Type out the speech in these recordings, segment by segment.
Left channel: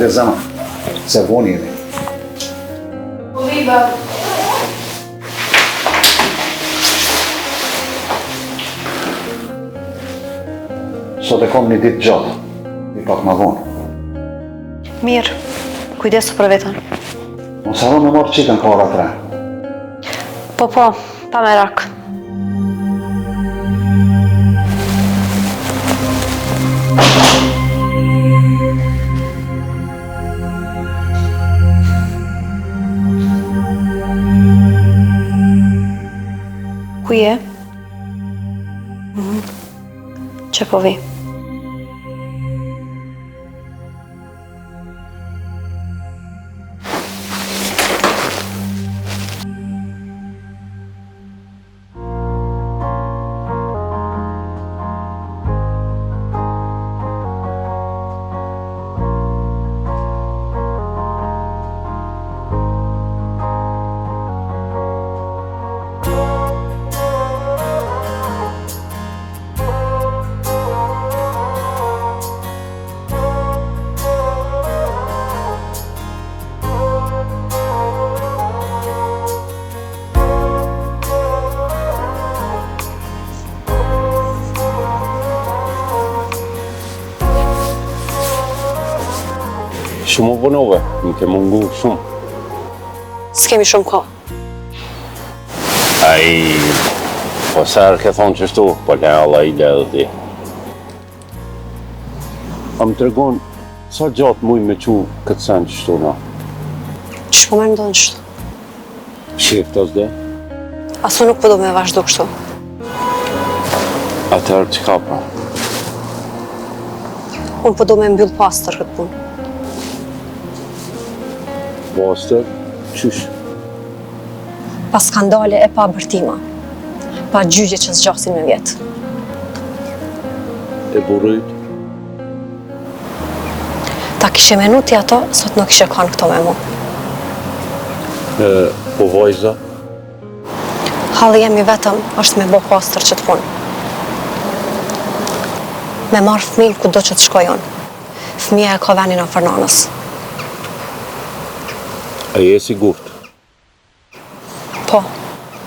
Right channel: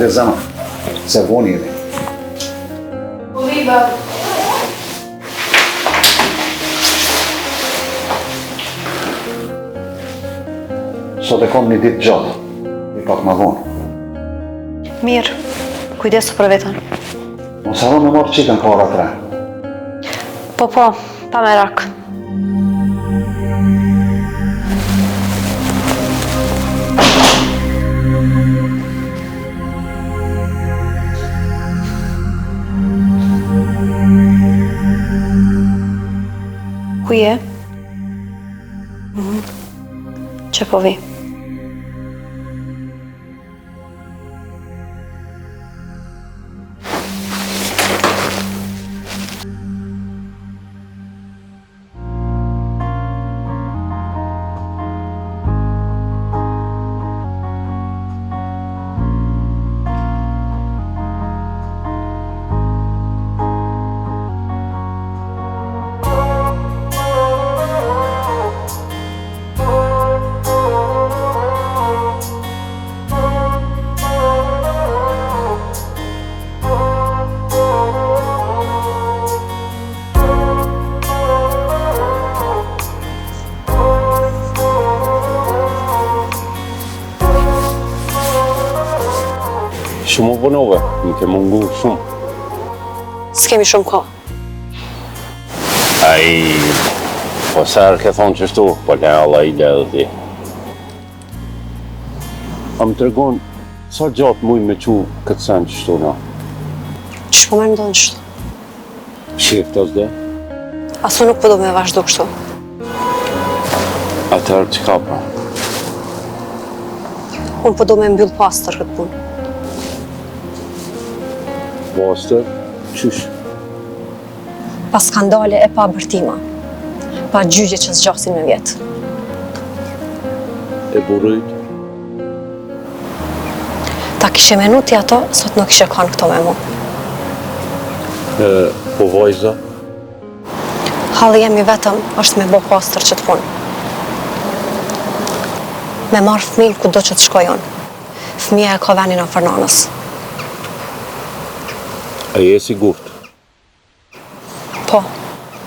Hajde zama, se voni jemi. Po vi, bab. Sot e kom një ditë gjatë, i pak ma vonë. Mirë, kujdesu për vetën. Mos harro me marrë qikën ka ora 3. Po, pa merak. Ku je? Që po vi? Shumë u punove, më ke mungu shumë. S'kemi shumë ko. Ai, po sërë ke thonë qështu, po ne Allah i ledhe ti. A më tregon, sa gjatë muj me qu këtë sen qështu na? Që po me ndonë qështu? Shif të zde? Asu nuk po do me vazhdo kështu. Atëherë që ka pra? Unë po do me mbyll pastër këtë punë. Pastër, qysh? Pa skandale e pa bërtima. Pa gjygje që zgjasin me vjetë. E burrit? Ta kishe menuti ato, sot nuk kishe kanë këto me mu. Po vajza? Halli jemi vetëm është me bo pastër që të punë. Me marë fëmijë ku do që të shkojon. Fëmija e ka venin afër nanës. A je sigurt? Po,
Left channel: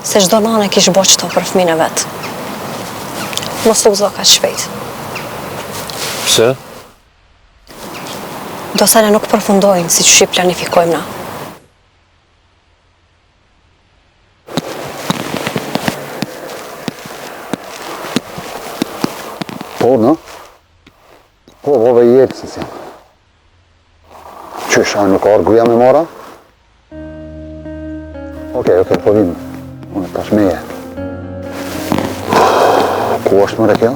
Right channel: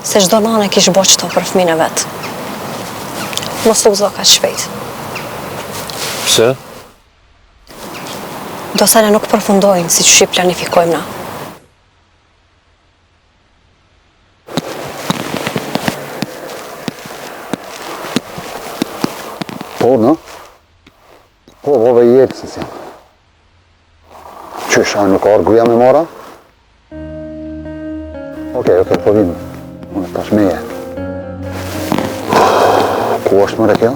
se çdo nanë kish bo qëto për fëmijën e vetë. Mos u gëzo kaq shpejt. Pse? Do se ne nuk përfundojnë si që planifikojmë na. Po, në? Po, vove i jetë, si si. Qysh, a nuk arguja me mora? Okej, po vim. Unë tash meje. Ku është mëre kjo?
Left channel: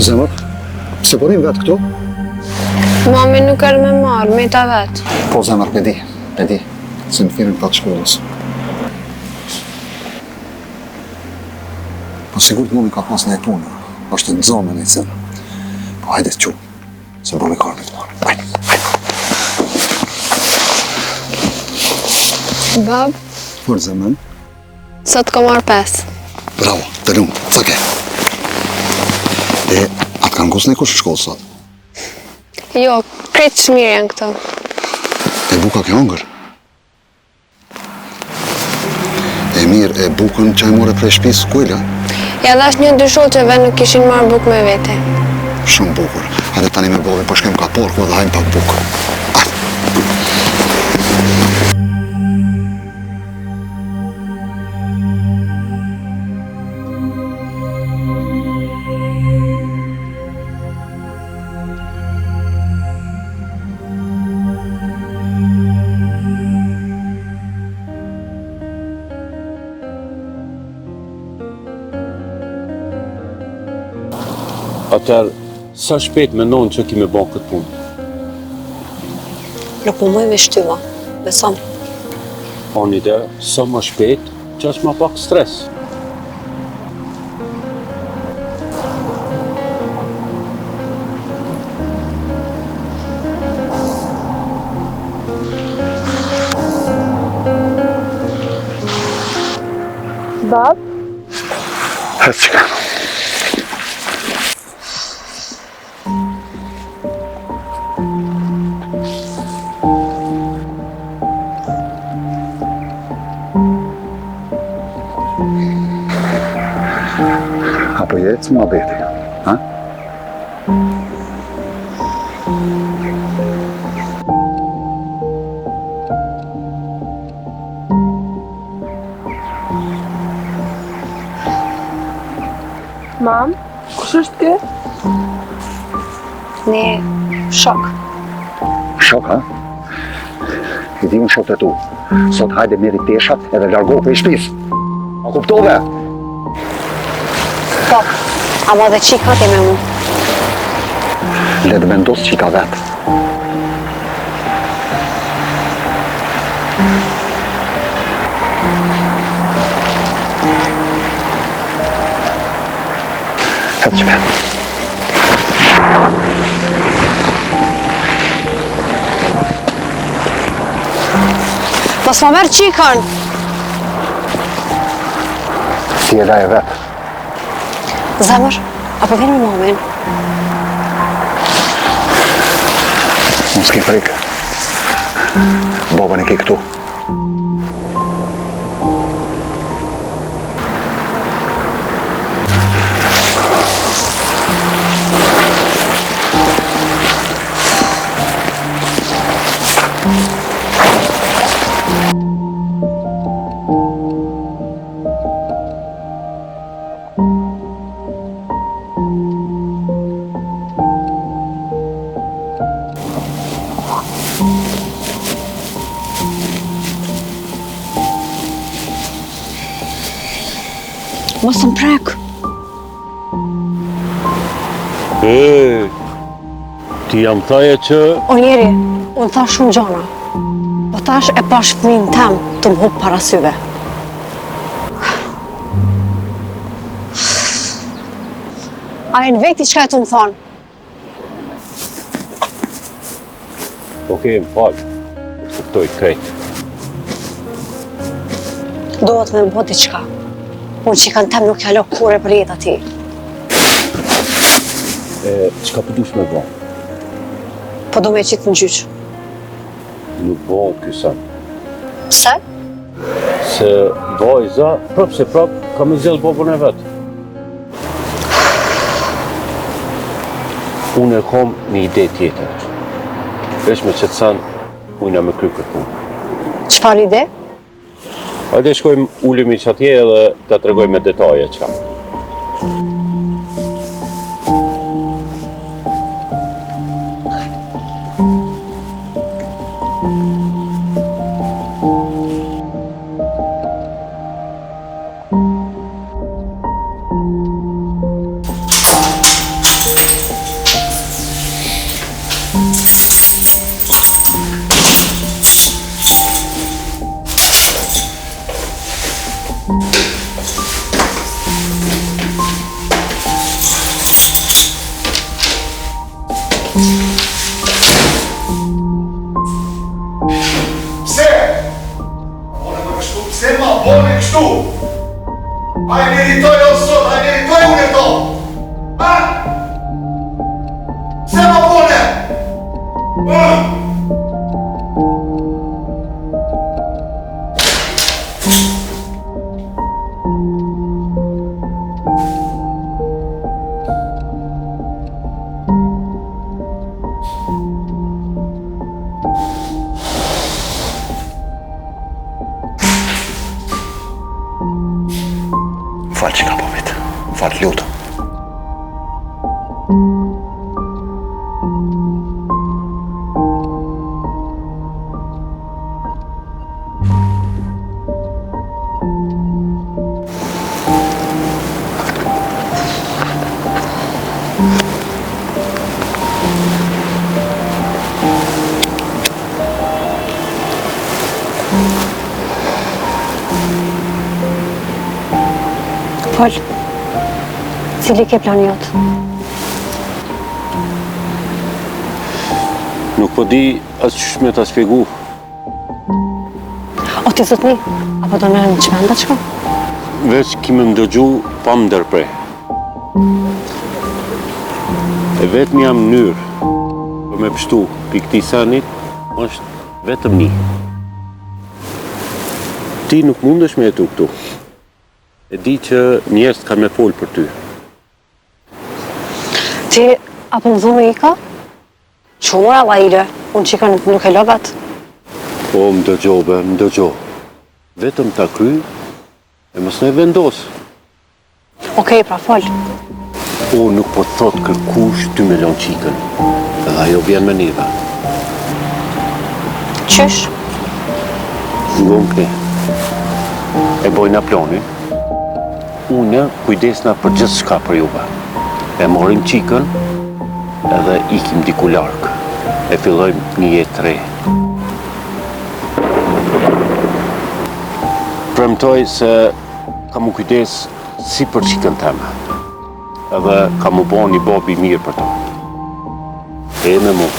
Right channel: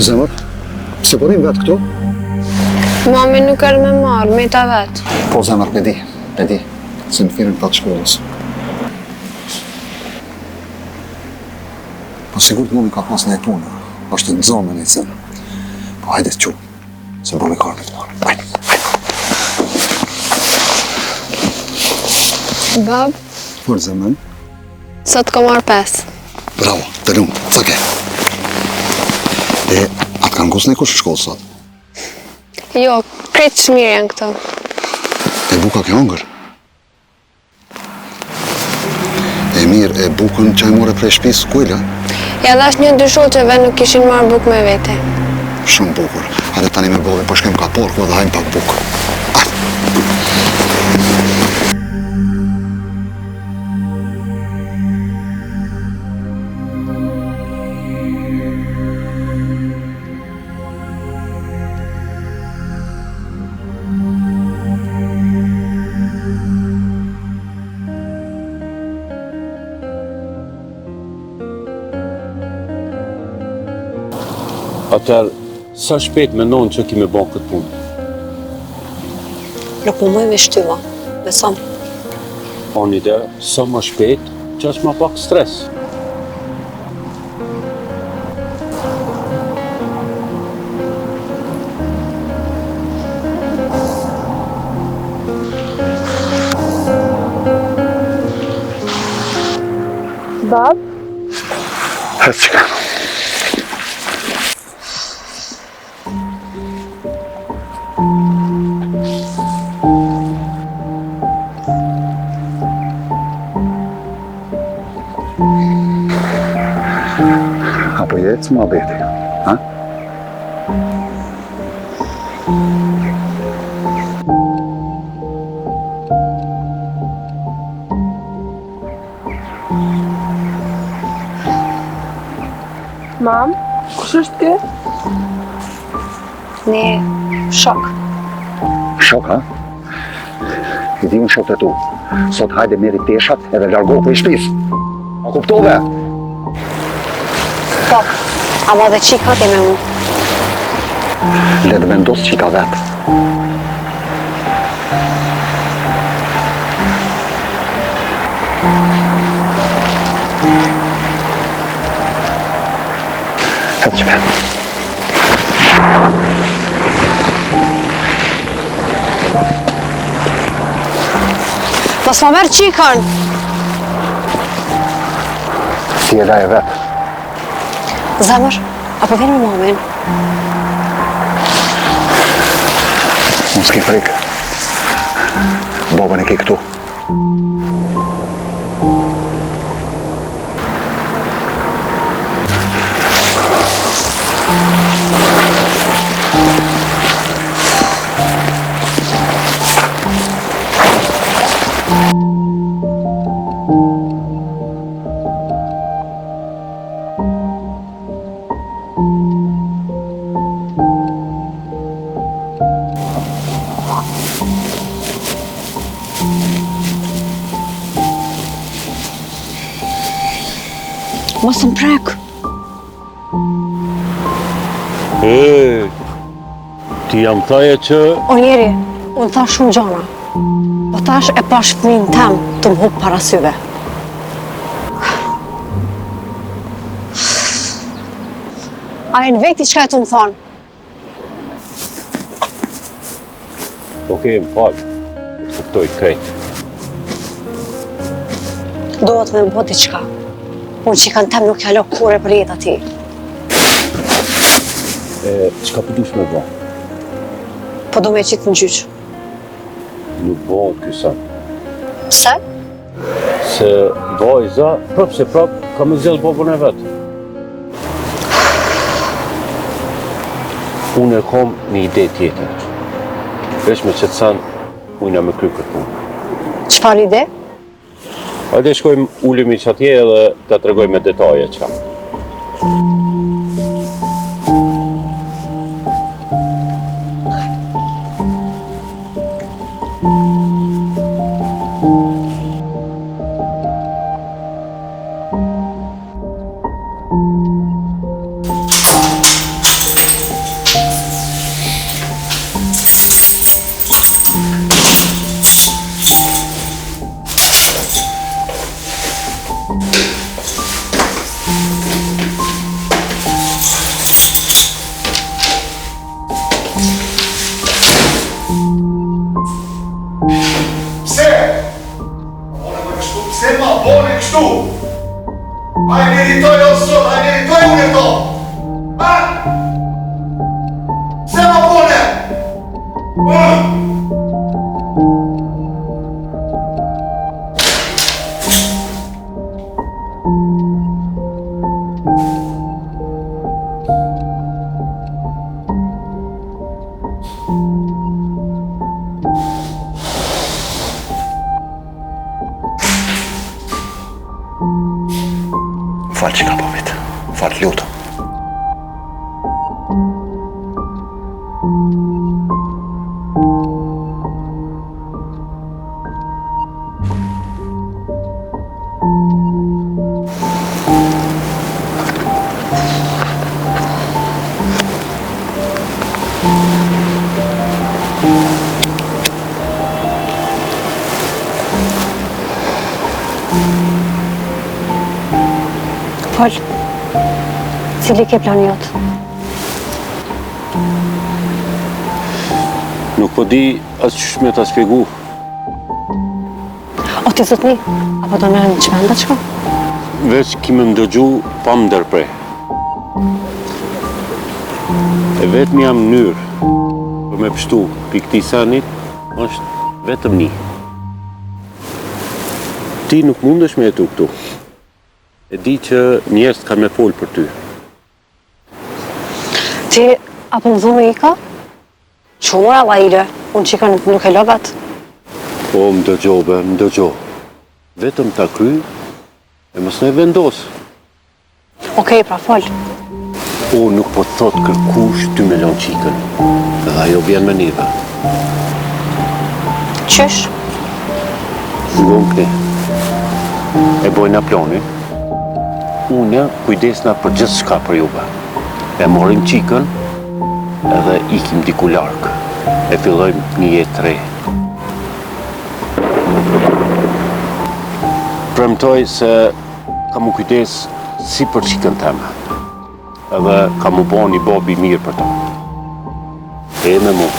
Zemër, pse po rrim vetë këtu? Mami nuk erë me marë, me ta vetë. Po zemër, pe di, se në firën patë shkollës. Po sigur të mumi ka pas në e punë, është të nëzonë në nëjësën. Po hajde të qu, se më me karme të marë. Hajde. Bab, Por zemën? sot ka marë 5. Bravo, të lumë, ca ke. E, atë kanë kusë në kush shkollë sot? Jo, kretë shmirë janë këto. E buka ke hongër? E mirë, e bukën që e more prej shpisë kujla? Ja dhash një dy shoqeve nuk kishin marrë bukë me vete. Shumë bukur. Hajde tani me bove, po shkem ka porku dhe hajmë pak bukë. Atëherë, sa shpejt mendon që kime bon këtë punë? Nuk më mëj me shtyma, beson. O një ide, sa më shpejt, që është ma pak stres. Bab, Hëtë që ka. Apo jetë më abeti, ha? mam, kush është ky? Ne shok. Shok, ha? I di unë shok të tu. Sot hajde meri teshat edhe largohu për i shpis. A kuptove? Po, ama dhe qika ke me mu. Le të vendos qika vetë. Hëtë që ka. Mos ma merë qikën. Si e da e vetë. Zemër, apo vjen me mamin? Unë s'ki frikë. Babën e ki këtu. Mos më prek. Ti jam thaje që... O njeri, unë thash shumë gjana. Po tash e pash fëmin tem të më hupë para syve. A e në veti qka e të më thonë? Okej, më falë. Të kuptoj krejt. Dohet me më bëti qka. Unë që i kanë tem nuk jalo kure për jetë ati. Qka përdush me bo? Po do me qitë në gjyqë. Nuk bo kësa. Pse? Se vajza, prap se prap, ka me zellë babën e vetë. Unë e kom një ide tjetër. Vesh me qëtë sanë, ujna me kry këtë punë. Qfar ide? Hajde shkojmë ulemi që atje edhe të tregoj me detaje qa. Se ma boni kështu! A e meritoj o sot, a e meritoj unë e to! Ha? Se ma boni! Falë që ka popit, falë lutë. fol. Cili ke plani jot? Nuk po di as ç'sh me ta shpjegu. O ti zotni, apo do merrem në çmenda çka? Veç ki më ndëgju pa më ndërprej. E vetëm jam mënyrë për me pështu për këtij sanit është vetëm një. Ti nuk mundesh me jetu këtu. E di që njerëz kanë me folë për ty. Ti apo më dhume i ka? Qumër alla ire, unë qika nuk e logat. O, më dëgjove, më dëgjo. Vetëm ta kry e mos ne vendos. Okej, pra fol. O, nuk po thot kërkush 2 milion qikën. Edhe ajo vjen me neve. Qysh? Ngon këne. E bojna planin. Une kujdesna për gjithë shka për juve. E morim qikën edhe ikim diku larkë. E fillojmë një jetë re. Premtoj se kam u kujdes si për qikën teme. Edhe kam u bo një bobi mirë për ta. E me mu.